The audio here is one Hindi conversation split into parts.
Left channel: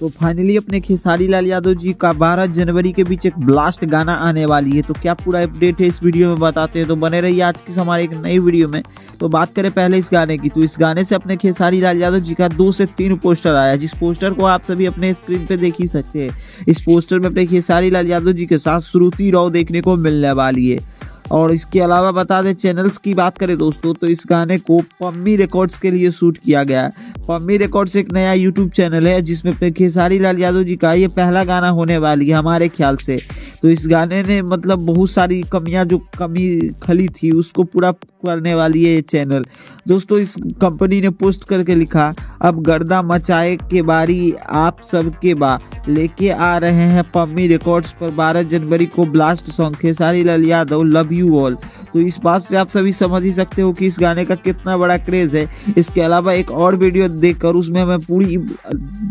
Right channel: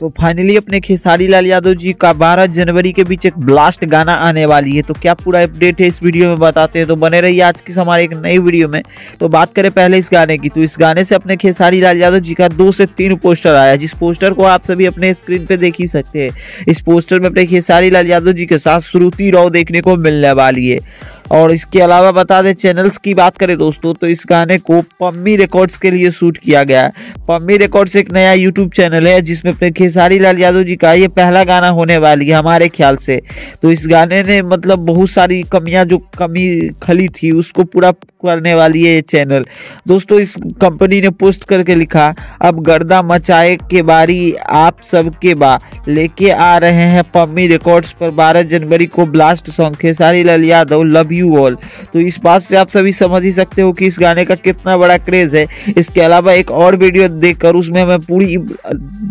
तो फाइनली अपने खेसारी लाल यादव जी का 12 जनवरी के बीच एक ब्लास्ट गाना आने वाली है। तो क्या पूरा अपडेट है इस वीडियो में बताते हैं, तो बने रहिए आज की हमारे एक नई वीडियो में। तो बात करें पहले इस गाने की, तो इस गाने से अपने खेसारी लाल यादव जी का 2 से 3 पोस्टर आया, जिस पोस्टर को आप सभी अपने स्क्रीन पे देख ही सकते हैं। इस पोस्टर में अपने खेसारी लाल यादव जी के साथ श्रुति राव देखने को मिलने वाली है। और इसके अलावा बता दें चैनल्स की बात करें दोस्तों, तो इस गाने को पम्मी रिकॉर्ड्स के लिए शूट किया गया है। पम्मी रिकॉर्ड्स एक नया यूट्यूब चैनल है जिसमें अपने खेसारी लाल यादव जी का ये पहला गाना होने वाली है हमारे ख्याल से। तो इस गाने ने मतलब बहुत सारी जो कमी खली थी उसको पूरा करने वाली है ये चैनल। दोस्तों इस कंपनी ने पोस्ट करके लिखा, अब गर्दा मचाए के बारी आप सबके बा, लेके आ रहे हैं पम्मी रिकॉर्ड्स पर 12 जनवरी को blast song Khesari Lal Yadav love you all. तो इस बात से आप सभी समझ ही सकते हो कि इस गाने का कितना बड़ा क्रेज है। इसके अलावा एक और वीडियो देखकर उसमें मैं पूरी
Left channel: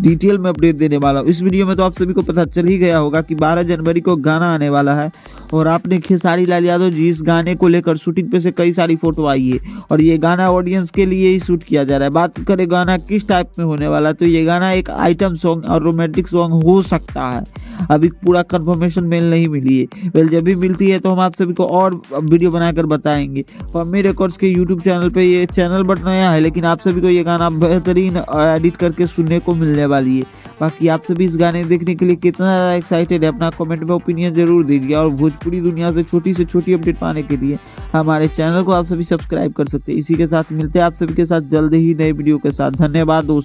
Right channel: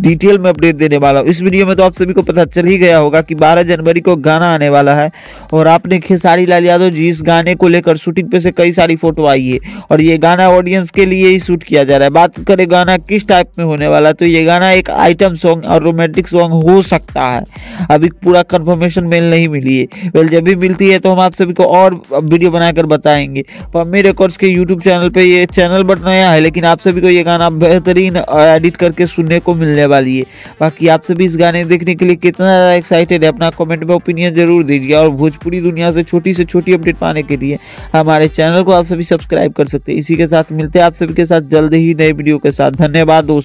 डिटेल में अपडेट देने वाला हूँ। इस वीडियो में तो आप सभी को पता चल ही गया होगा कि 12 जनवरी को गाना आने वाला है और आपने खेसारी लाल यादव जी इस गाने को लेकर शूटिंग पे से कई सारी फोटो आई है और ये गाना ऑडियंस के लिए ही शूट किया जा रहा है। बात करें गाना किस टाइप में होने वाला, तो ये गाना एक आइटम सॉन्ग और रोमांटिक सॉन्ग हो सकता है। अभी पूरा कंफर्मेशन मेल नहीं मिली है, वेल जब भी मिलती है तो हम आप सभी को और वीडियो बनाकर बताएंगे। पम्मी रिकॉर्ड्स के यूट्यूब चैनल पे ये चैनल बट नया है, लेकिन आप सभी को ये गाना बेहतरीन एडिट करके सुनने को मिलने वाली है। बाकी आप सभी इस गाने देखने के लिए कितना ज़्यादा एक्साइटेड है अपना कमेंट में ओपिनियन जरूर दीजिए। और भोजपुरी दुनिया से छोटी अपडेट पाने के लिए हमारे चैनल को आप सभी सब्सक्राइब कर सकते हैं। इसी के साथ मिलते हैं आप सभी के साथ जल्द ही नए वीडियो के साथ। धन्यवाद दोस्तों।